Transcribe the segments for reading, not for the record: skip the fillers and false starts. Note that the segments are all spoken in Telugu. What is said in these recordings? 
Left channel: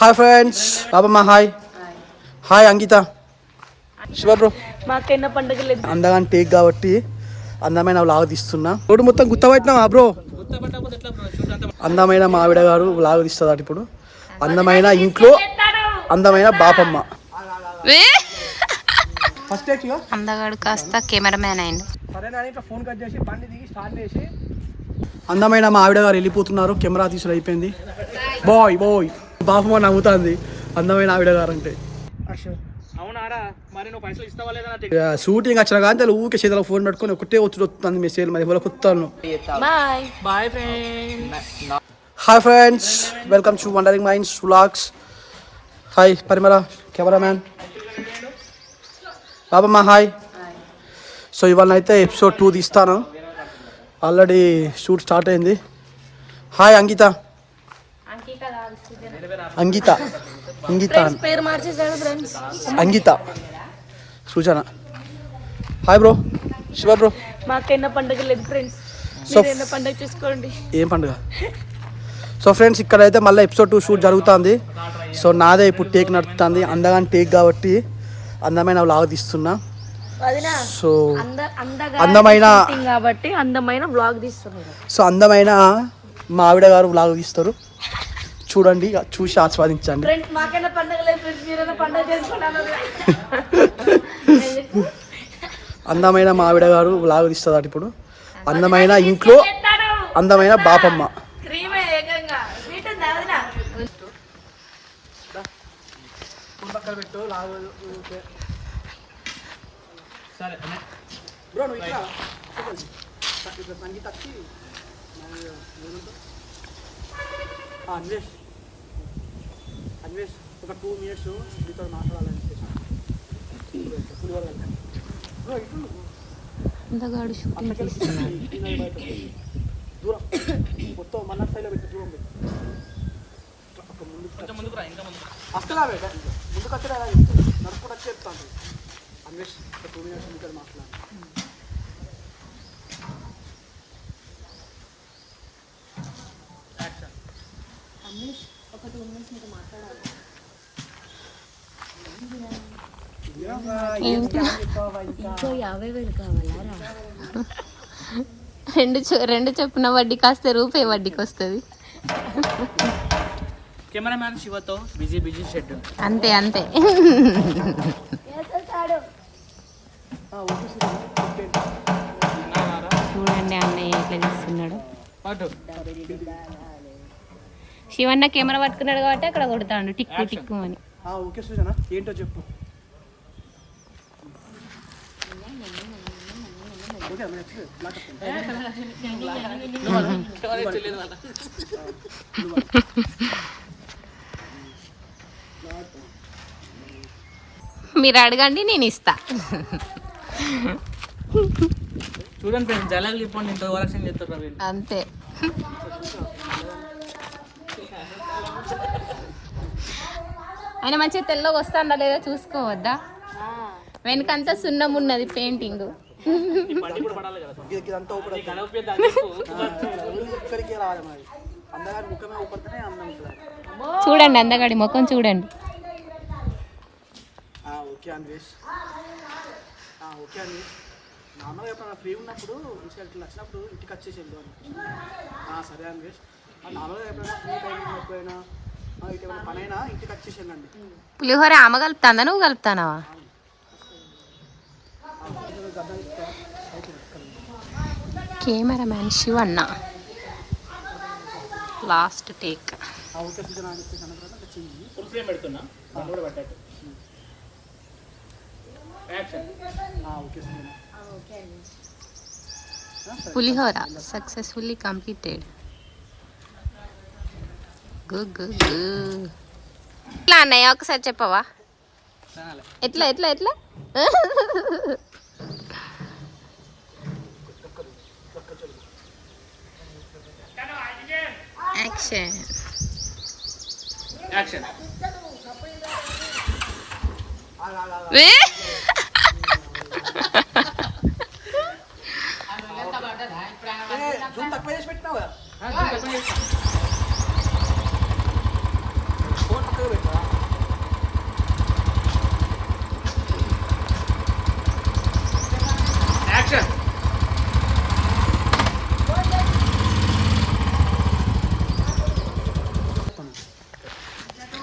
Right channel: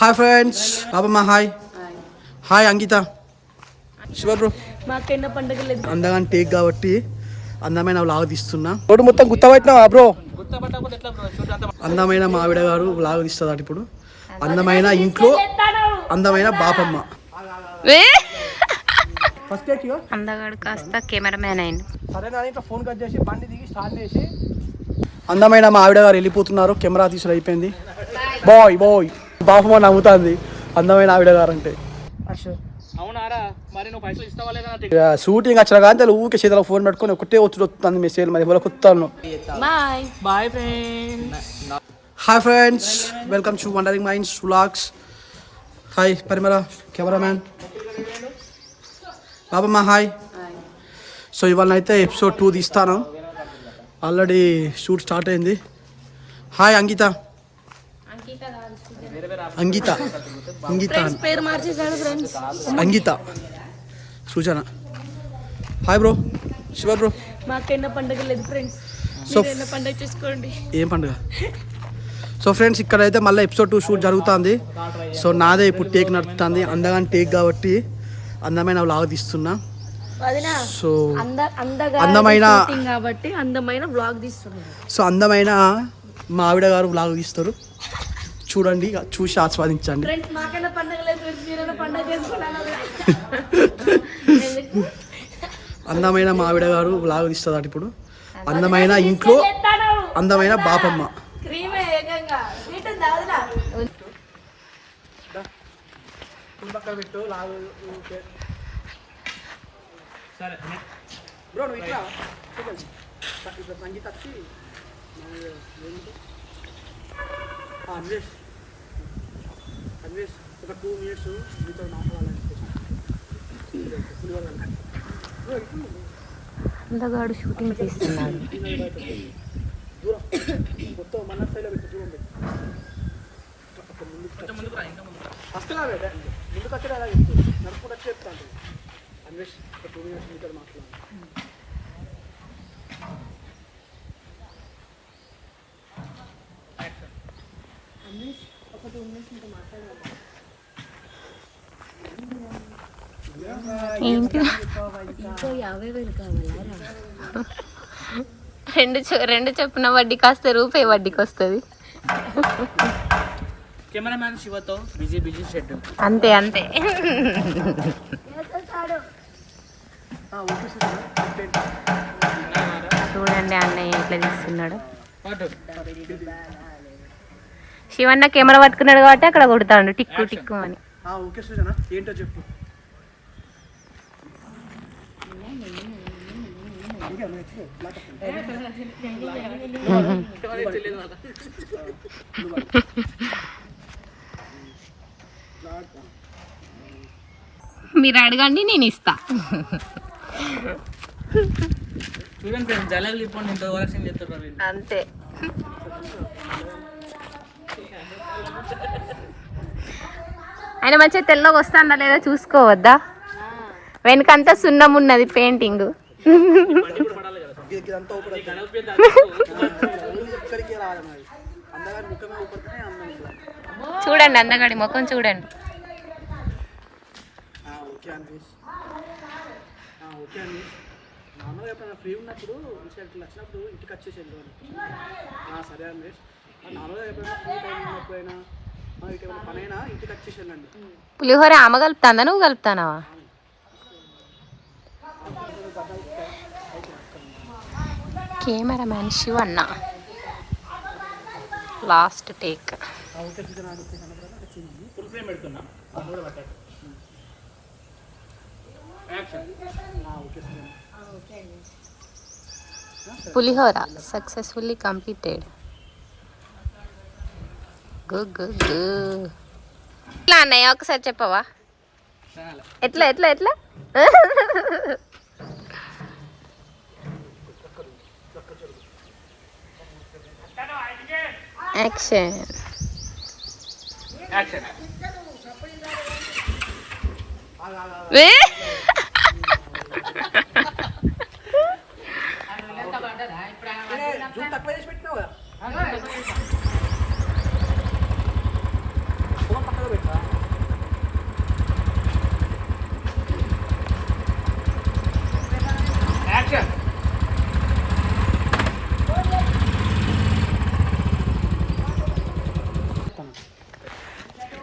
Hi friends, Babamma hi. Hi Ankita, Shiva bro. మాకైనా పండుగ అందగాని టేక్ కాబట్టి అందమైన వ్లాగ్ తీస్తున్నా. రోడ్డు మొత్తం గుర్తపట్టినావా బ్రో? అందమైన మావిడ గారు వ్లాగ్ తీస్తుంది ఇప్పుడు. అందమైన ఇంట్లో అందమైన బాపమ్మ. ఫస్ట్ అందగాడు కాస్త కెమెరామ్యాన్ అయింది. సరేనా, ఇట్లా ఫోన్ కట్ చేసి బండి దిగి స్టార్ట్ చేసి అందమైన మా ఆవిడ గారు వెళ్ళిపోతున్నారు. కెమెరా తీసుడు అయిపోయింది. Bye bye. బాపమ్మ నవ్వుతుంది అందమైన ఆవిడ గారు అంటే. షూటింగ్ వచ్చిన కానీ ఊకే చేతిలో ఫోన్ పెట్టుకొని ఒకటే వస్తుంది మెసేజ్. మరి ఎవరికి వస్తాను. Bye friends. Hi friends, welcome to Wandering Minds vlogs. Hi Parimala cameraman. Babamma hi. So ఇవాళ అయితే ఎపిసోడ్ 2 తీస్తాను. ఆల్రెడీ షూట్ స్టార్ట్ అయింది. హాయ్ అంకిత. అంకిత అంకిత అంకిత సూచన. Hi bro, Shiva bro. మాకైనా పండుగ లేదు ఫ్రెండ్స్. సో పండుగ చూసుకోండి. ఏం పండుగ? సో ఫ్రెండ్స్, ఇక్కడైతే మళ్ళీ ఎపిసోడ్ 2 షూట్ జరుగుతుంది. సో నాదే ఇప్పుడు టేక్ నడుస్తుంది. అందగాని టేక్ కాబట్టి అందమైన వ్లాగ్ తీస్తున్నా. సో అందమైన కాబట్టి అందమైన వ్లాగ్ తీస్తున్నా. సో అందమైన మా ఆవిడ గారు వ్లాగ్ తీస్తారు. చూడండి, చూసి ఆస్వాదించండి. అందమైన మా ఆవిడ గారు వ్లాగ్ తీస్తుంది ఇప్పుడు. అందమైన ఇంట్లో అందమైన బాపమ్మ. బ్రో నువ్వు ఇక్కడ ఇట్లా సంగీత వచ్చి అన్వేష్ ఒక 2 minutes మీతో మాట్లాడాలని అందగాడు షూటింగ్ తీస్తున్నాడు. దూరం మొత్తం మన సైడ్లో పెట్టి దూరం పెట్టి అసలు ముందుకు వచ్చే అలా చెప్తాను. నడుపుకుంటూ వచ్చి చెప్తాను. అన్వేష్ ఒక 2 minutes మీతో మాట్లాడాలి. ఒక 2 minutes మీతో మాట్లాడాలి. ఇంకో 50,000 కావాలా? రెండు చొప్పున వడ్డీకి వస్తే రూపాయి వడ్డీకి వస్తుంది. కెమెరామ్యాన్ శివతో బిజీ షెడ్యూల్. అంతే అంతే. చూడండి అన్నయ్య ఎట్లా తీస్తున్నాడు. శివన్న కెమెరా పట్టుకున్నాడు కాబట్టి అక్కడ కొడతాడు టిక్కు టిక్కు అని. ఓకే సృజన, ఏంటో చెప్పు. మీరు అడగండి, నేను ఇస్తా. చూడండి ఫ్రెండ్స్, డైలాగ్ చెప్పండి. ఇంత ఓవరాక్షన్ చేస్తారు అంతే. ఆయన మంచిగా తెల్లగా వస్తాడా లేదా చూసుకోవద్దా? వెనకంతా సున్నం ఉన్నది పెయింటింగ్. చూడండి అందగాడి ముఖం చూడండి. నార్మల్గా ఎప్పుడైనా ఫ్రీ ఉన్నప్పుడు వచ్చినప్పుడు ఇంటికి వచ్చేసేది. సరే అన్వేష్, నార్మల్గా ఎప్పుడైనా ఫ్రీ టైం ఉన్నప్పుడు అయినా ఇటు పనైనా ఇంటికి వచ్చేసేయండి. పులిహోర ఆమె కలుపుతాందా నువ్వు కలుపుతానావా? కెమెరామ్యాన్ శివన్న లాస్ట్ టేక్. పులిహోర సక్సెస్ఫుల్లీ కంప్లీటెడ్. ఎట్లా అన్నయ్య ఒకసారి చెప్పవా? ఎట్లా ఎట్లా ఎట్లా? యాక్షన్. తక్కువ చేసి పెట్టినావు కదా.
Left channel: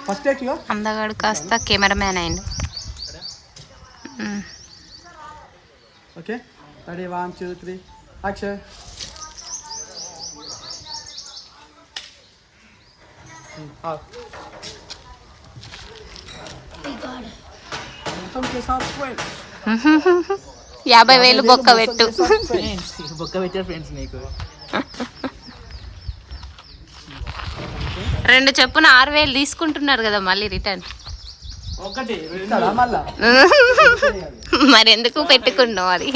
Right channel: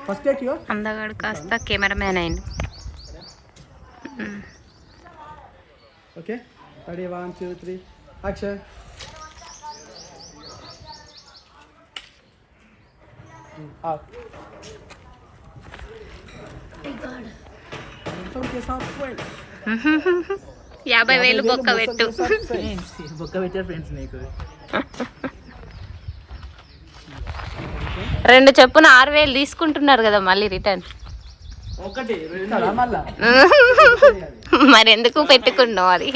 ఫస్ట్ టేక్ యో అందగాడు కాస్త కెమెరామ్యాన్ అయిండు. Okay ready 1 2 3 action. के साथ फ्रेंड्स 50,000 బొక్క పెట్టు. బొక్క పెట్టారు ఫ్రెండ్స్ నీకు. 2 చెప్పున 6,000 తీసుకుంటున్నారు కదా మళ్ళీ రిటర్న్. ఒకటి మళ్ళా మరి ఎందుకు పెట్టుకున్నావు అది?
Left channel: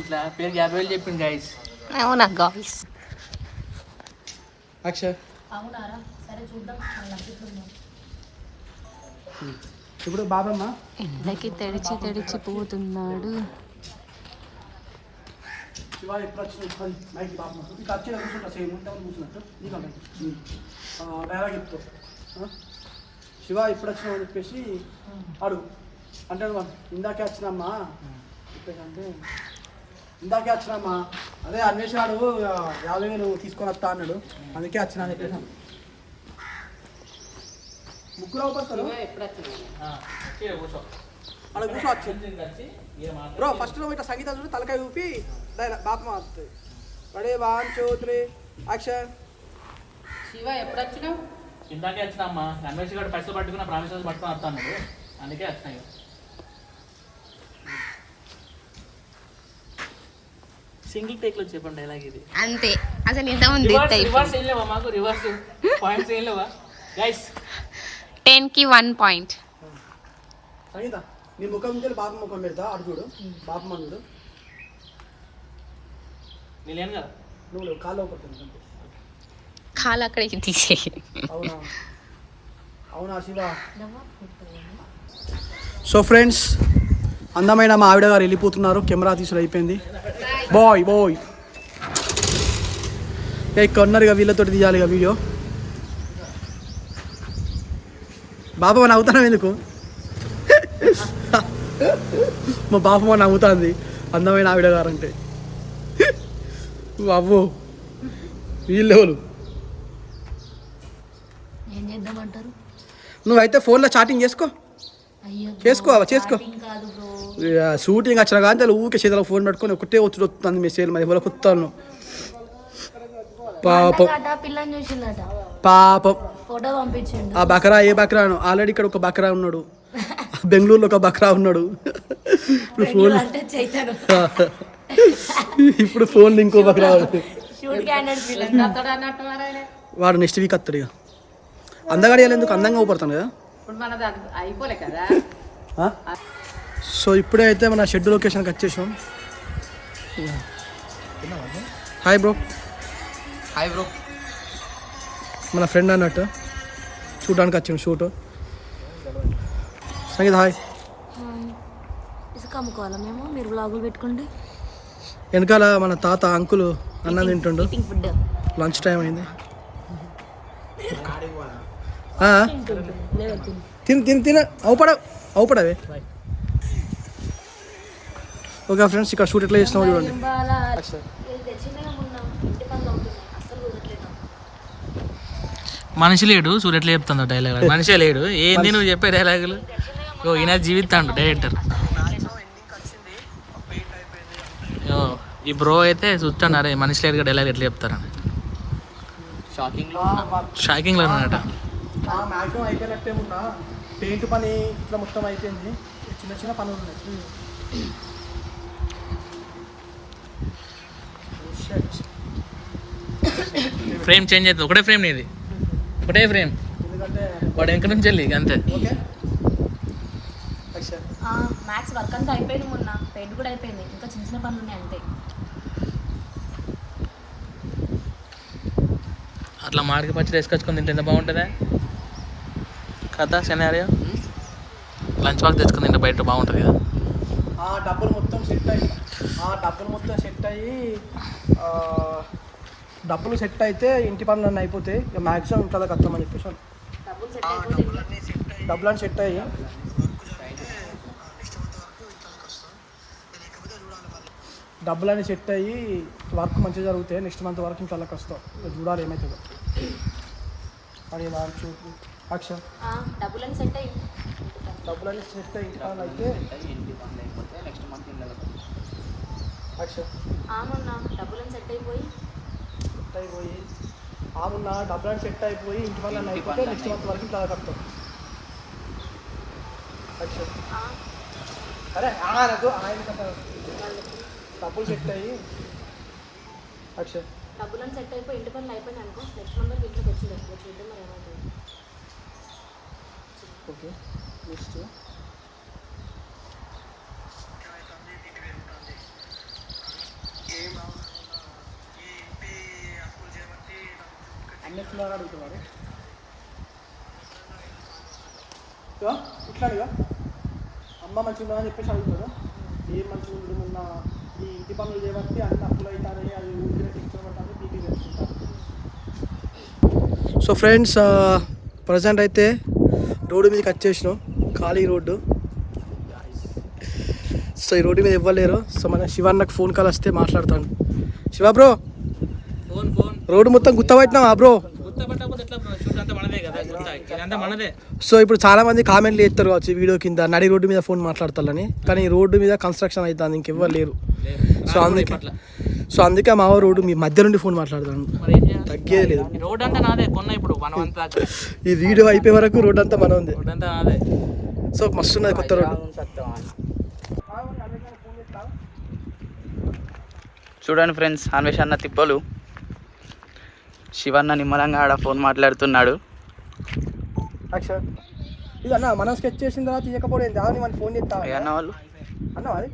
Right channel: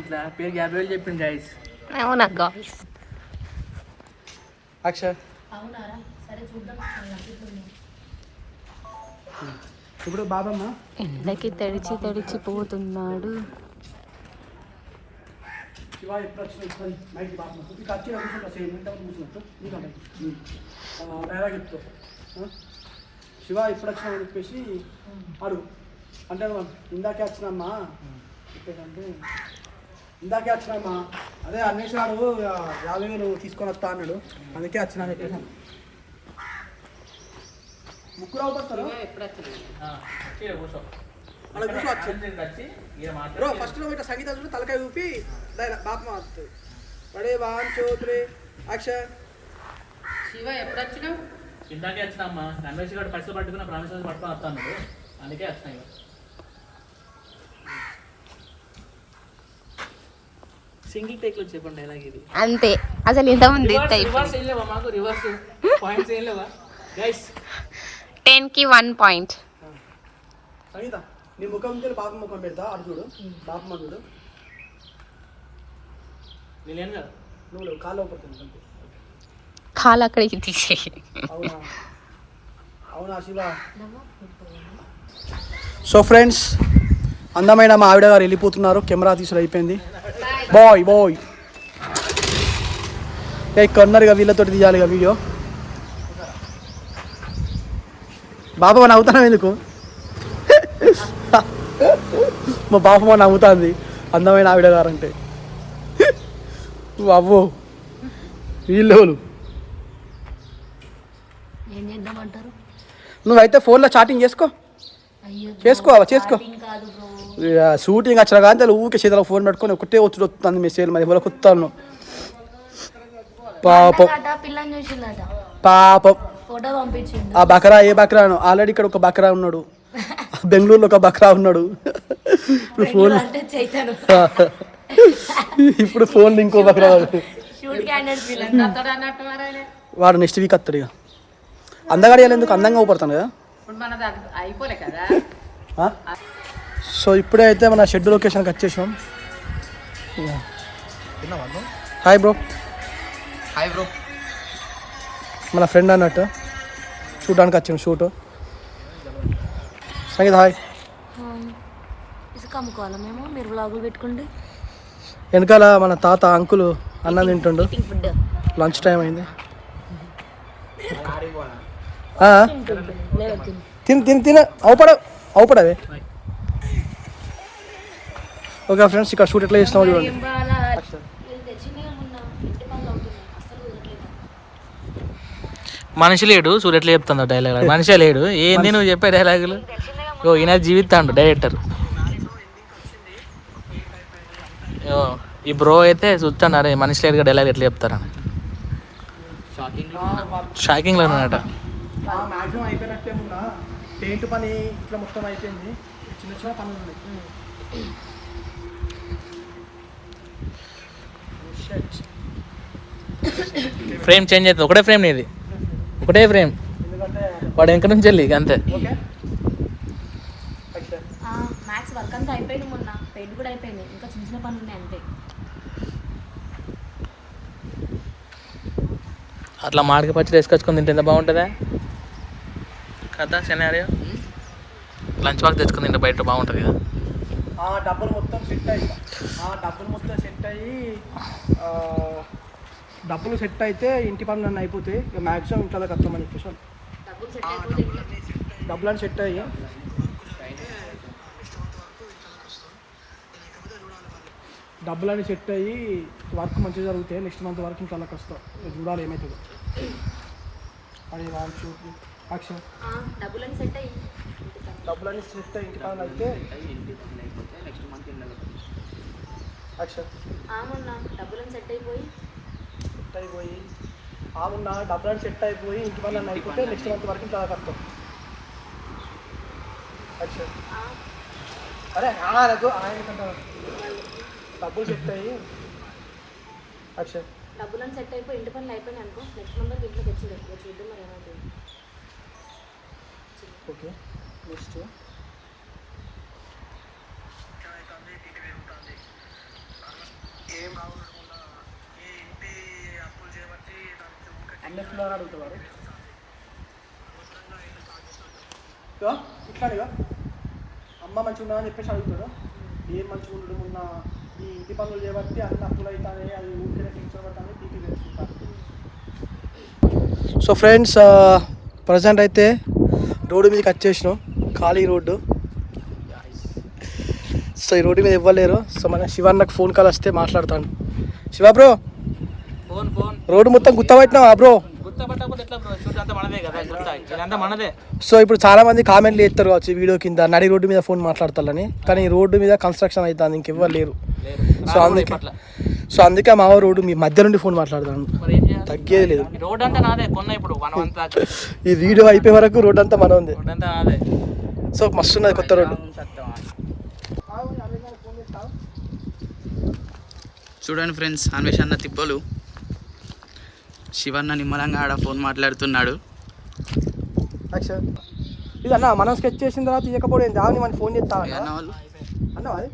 ఇట్లా పేరు 50,000 చెప్పింది గైస్. అవునా గాయ్స్? యాక్షన్. ఇప్పుడు బాబమ్మ ఎండకి తడిచి తడిచి పోతున్నాడు. శివ ఎప్పుడు వచ్చిన మైక్ బాబమ్మ ఇంకా వచ్చిన కూర్చుంటా సేమ్ ఉంటా కూర్చున్నట్టు నీకంటే డైలాగ్ చెప్తావు. శివ ఎప్పుడు వచ్చినావు అని చెప్పేసి అడుగు అంటే ఇందాకే వచ్చినమ్మా చెప్పేసి అంటే ఇందాకే వచ్చినమ్మా అదే అన్వేషణాడు 50,000 తీసుకొని వస్తా అన్నాడు అందుకే వచ్చినా అని చెప్పేసి ముగ్గురు అవుతారు అలా కూర్చో వచ్చింది బ్రో. ఫస్ట్ లో ఇట్లా సంగీతం చూడు తలకాయ ఊపి బాపమ్మ వస్తుంది. Ready 1 2 3 action. శివ ఎప్పుడు వచ్చినావు? ఇందాకే వచ్చినమ్మా అన్వేష్ గారు పైసలు పట్టుకున్న ప్రామిసెస్ పట్టుకొని వస్తా అన్నాడు అందుకే వచ్చినాయి. సింగిల్ టేక్ లో చెప్పండి డైలాగ్ ఇది అంతే. అసలు ఇలా ఉంది. రివర్స్ ఏం లేవా మాకు? రివర్స్ పాయింట్స్ ఏం లేవా గైస్? 10 కి 1 పాయింట్. సంగీత నీ ముఖం నుంచి బాపమ్మ ముఖం పెడతా అటు చూడు. బాపమ్మ చూడు నేను కదా నువ్వు కాలు పడుతుంది. కాలు అక్కడికి తీసేయి. అవునా అవునా శివ. సో ఫ్రెండ్స్ అందమైన మా ఆవిడ గారు వెళ్ళిపోతున్నారు. కెమెరా తీసుడు అయిపోయింది. Bye bye. ఇక్కడ ఉన్నారు ఇక వీళ్ళతో తీయాలి ఇక వీడియో. బాబమ్మ నవ్వుతాను ఎందుకు? మా బాబమ్మ నవ్వుతుంది అందమైన ఆవిడ గారు అంటే. అవ్వో వీళ్ళు ఏం చేద్దామంటారు? నువ్వైతే ఫోన్లో చాటింగ్ చేసుకో. చేసుకో షూటింగ్ వచ్చిన కానీ ఊరికే చేతిలో ఫోన్ పెట్టుకొని ఒకటే వచ్చి వస్తుంది మెసేజ్. మరి ఎవరికి వస్తాను పాపం పిల్లని చూసిందట, పాపం. ఫోటో పంపించిండు. ఆ బకరా ఏ బకరాను ఆల్రెడీ ఇక్కడ ఒక బకరా ఉన్నాడు, బెంగళూరులో ఒక బకరా ఉన్నాడు. ఇప్పుడు ఫోన్ ఇప్పుడు ఫోన్ ఇంకో బకరా వాడు నెక్స్ట్ వీక్ వస్తాడు. ఇక అందగాడియాలి ఎందుకు అందంగా ఊపడతాను కదా. అయిపోలే కదా. సో ఇప్పుడే అయితే మన షెడ్ లొకేషన్కి వచ్చేసాం. Hi bro. Hi bro. మన ఫ్రెండ్ అన్నట్టు చూడడానికి వచ్చాం షూట్. సంగీత హాయ్. ఇసుక అమ్ముకోవాలా మేము? మీరు వ్లాగులు పెట్టుకుంటే వెనకాల మన తాత అంకుల్ అన్నం తింటుండు. లంచ్ టైం అయింది. తిని తిని తిన అవుపడవే. ఓకే ఫ్రెండ్స్ ఇక్కడ షూట్ ఎట్లా చేస్తున్నావు చూడండి. మనిషి లేడు చూడు ఎట్లా చెప్తాను డైలాగ్. మనిషే లేడు ఏంది నువ్వు చెప్పే డైలాగులు? ఓ ఈయన జీవితాండు డైరెక్టర్. ఈ బ్రో అయితే చూస్తాను అరే మనిషి లేడుగా డైలాగ్ ఎట్లా చెప్తారా. షాకింగ్లో ఉన్నట. మ్యాక్సిమం అయిపోయినట్టే ఉన్నా. పెయింట్ పని ఇట్లా మొత్తం అయిపోయింది. చిన్న చిన్న పనులు ఉన్నాయి. ఫ్రేమ్ చేంజ్ అవుతుంది. ఒకటే ఫ్రేమ్ నీది, ఒకటే ఫ్రేమ్. వాడు వెనక నుంచి వెళ్ళి అంతే. మ్యాథ్స్ వర్క్ అంతా అయిపోయింది, మొన్న పెయింట్ కూడా అయిపోయింది, ఇంకా చిన్న చిన్న పనులు ఉన్నాయి అంతే. అట్లా మాడికి పచ్చి వేసుకొచ్చుకొని తింటే ఎంత బాగుంటుందా కదా సినారియో. లంచ్ బాక్స్ తెచ్చుకుని తింటే బయట బాగుంటుంది కదా. డబ్బులు మొత్తం సెట్ అయితే ఇంటి పనులు అన్నీ అయిపోతాయి. ఇక మ్యాక్సిమం ఇంట్లో కష్టమని చెప్పేసి డబ్బులు అని సెట్ అయ్యి డబ్బులన్నీ సెట్ అయ్యి వర్క్ మంచిగా జరుగుతాయి. నెక్స్ట్ మంత్ వరకు ఇంకా వాళ్ళకి వస్తాం. చూడాలి ఏమవుతుందో. అది అక్ష డబ్బులని సెట్ అయ్యి డబ్బులన్నీ సెట్ అయ్యి అయితే అక్ష మొన్న డబ్బులని సెట్ అయిపోయి డబ్బులన్నీ సెట్ అయిపోయి ఇంటి పనులు అయిపోతే నెక్స్ట్ మంత్ వరకు ఇంకా కడతాం. అక్ష అరే డబ్బులు సెట్ అయ్యి అక్ష డబ్బులని సెట్ అయిపోయి ఇంటి పనులు అయిపోయినాయి అనుకో నెక్స్ట్ మంత్ వరకు ఇంట్లోకి వచ్చింది. చూద్దాం మరి ఏమవుతుంది. ఓకే నెక్స్ట్ అన్నిట్లో అడుగుతున్నారు ఇట్లాగా అమ్మ మంచిగా అని చెప్పేసి అడుగుతుందా? ఏం మంచిగా ఉంటుందా ఈ ఇంటి పనులు చేయబట్టి అన్ని అప్పులు అవుతాయి, అది ఊరికే పింఛన్ పట్టాలి పీకి తెలుసుకుంటారు. సో ఫ్రెండ్స్ ప్రజెంట్ అయితే రోడ్డు మీదకి వచ్చేసినాం. ఖాళీ రోడ్డు. సో ఈ రోడ్డు మీద ఇవ్వలేరు. సో మన శివన్నకు ఫోన్ కాల్ వస్తే మాట్లాడతాను. శివ బ్రో రోడ్డు మొత్తం గుర్తపట్టినావా బ్రో? సో ఇప్పుడు చాలా మంది కామెంట్లు చేస్తారు కావచ్చు ఈ వీడియో కింద, నడి రోడ్డు మీద ఫోన్ మాట్లాడతారని. కానీ ఈ రోడ్డు మీద కన్స్ట్రక్షన్ అవుతుంది, ఇంకెవ్వరు లేరు. సో అందుకే మా రోడ్డు మీ మధ్య నుండి ఫోన్ మాట్లాడతాను. తగ్గేది లేదు. ఈ వీడియో అయిపోయే వరకు రోడ్డు అంతా మన ఉంది. సో మస్తు ఉన్నది కొత్త రోడ్డు. చూడండి ఫ్రెండ్స్, అన్వేషణ తిప్పలు శివన్న నిమ్మలంగా ఆడ ఫోన్ మాట్లాడుతున్నాడు. ఇది అన్న మనం స్కెచ్ చేసిన తర్వాత ఇవ్వకపోతే దాని మన ఫోన్ చేస్తా అన్న వాళ్ళు అన్న అది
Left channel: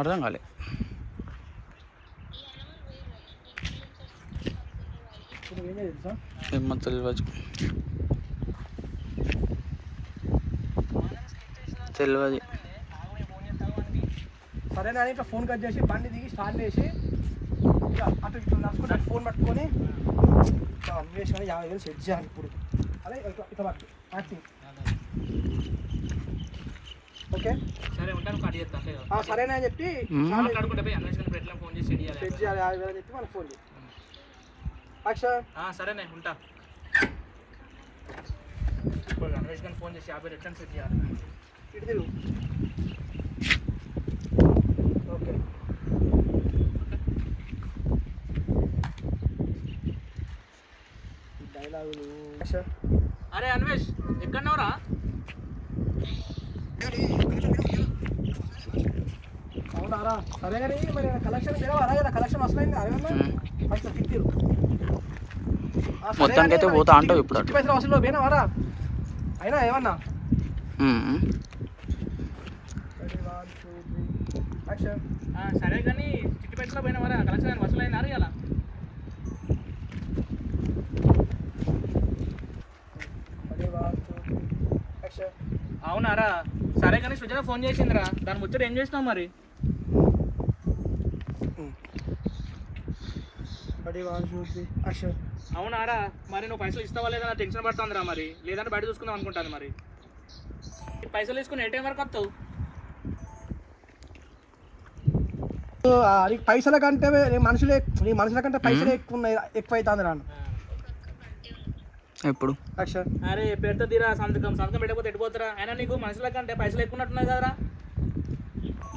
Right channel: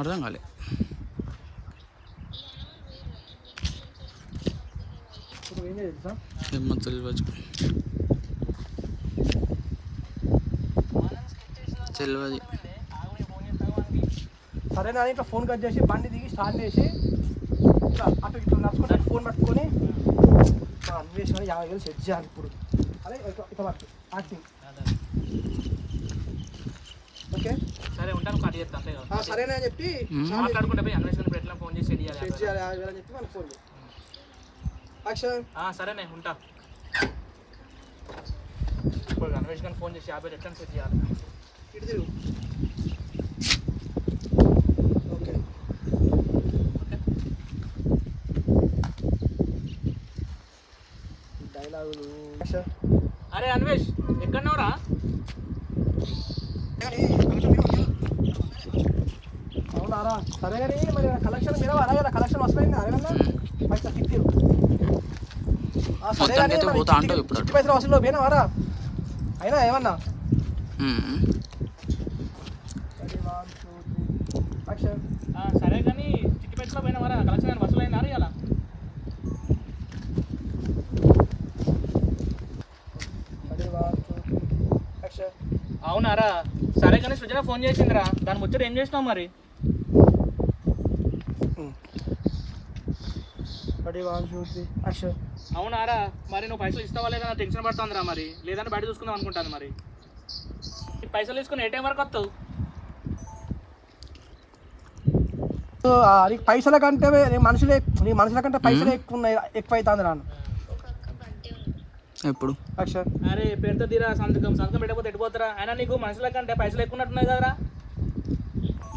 అర్థం కాలే. ఏమో తెలియదు సరే నా ఇట్లా ఫోన్ కట్ చేసి బండి దిగి స్టార్ట్ చేసి ఇట్లా అటు ఇట్లా నడుచుకుంటే ఫోన్ పట్టుకొని అన్వేషణ 50,000 సెట్ చేయాలి ఇప్పుడు. అదే ఇట్లా యాక్టింగ్. ఓకే సరే ఉంటాను. కట్ చేస్తాను అంతే కదా. సరేనా అని చెప్పి మాట్లాడుకుంటే పోయి అన్వేషణ ఎట్లా ఫోన్ చేసి సెట్ చేయాలి. 50,000 అని చెప్పి మనకు ఫోన్ యాక్షన్. సరేనే ఉంటా. ఇప్పుడు అన్వేషణ ఫోన్ చేసి 50,000 ఎట్లా సెట్ చేయాలి. ఇటు తిరుగు. ఓకే డైలాగులు. అరే అన్వేష్ ఎక్కడున్నావురా? అవునారా? సరే కానీ మరి కలెక్షన్ మీద అలాగే కలెక్షన్ వస్తాయి అరేనా పైసా ఫిఫ్టీ మొత్తానికి అయితే పోతా అంటావు ఇప్పుడు. పైసలు వసూలు పోయినావారా? అయినా ఏమన్నా సరే కానీ చిట్టి పెట్టులో పోయినావారా? కలెక్షన్ వసూలు అయినారు ఇలా. అవునారా? సరే కానీ సృజన ఫోన్ చేసిందిరా, దాని ముచ్చట ఏం చేసినావు మరి? అవునారా? మరి నువ్వు పైసలు ఇస్తావా లేదా టెన్షన్ పడుతుందిరా. మరి లేదంటే బయట చూసుకుందాం అనుకుంటాను. మరి పైసలు తీసుకుని ఏ టైం వరకు వస్తావు? పైసల కంటే మనుషులే, నీ మనుషుల కంటే పైసలు ఎక్కువ అవుతుంది రాను. ఎప్పుడు అరే పెడతా తీరా, సంతకం పెట్టకపోతే ఎట్టిపోతారా? అయినా నీకు మనుషుల కంటే పైసలు ఎక్కువ ఉన్నట్టున్నాయి కదరా.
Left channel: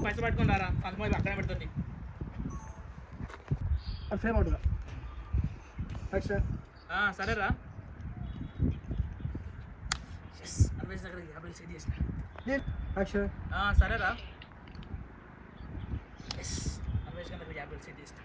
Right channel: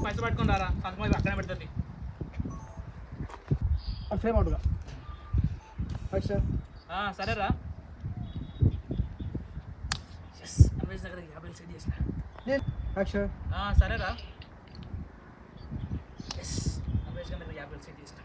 పైసలు పట్టుకుని రారా, సంతకం అయితే అక్కడే పెడుతుంది. సేమ్ అవుట్గా సరేరా. అన్వేష్ దగ్గర 50,000 సెట్ చేసిన. సరేరా. అన్వేష్ దగ్గర 50,000 సెట్ చేసిన.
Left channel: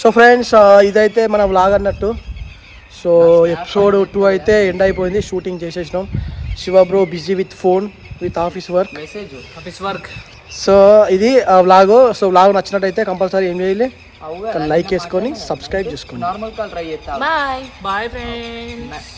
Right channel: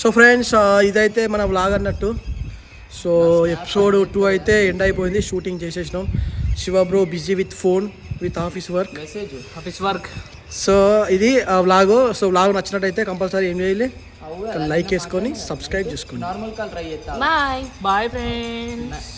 సో ఫ్రెండ్స్ ఇదైతే మన వ్లాగ్ అన్నట్టు. సో ఎపిసోడ్ 2 అయితే ఎండ్ అయిపోయింది, షూటింగ్ చేసేసినాం. Shiva bro busy with phone with office work. So ఇది వ్లాగ్. సో వ్లాగ్ నచ్చినట్టయితే కంపల్సరీ ఏం చేయాలి, లైక్ చేసుకొని సబ్స్క్రైబ్ చేసుకోండి. Bye bye friends.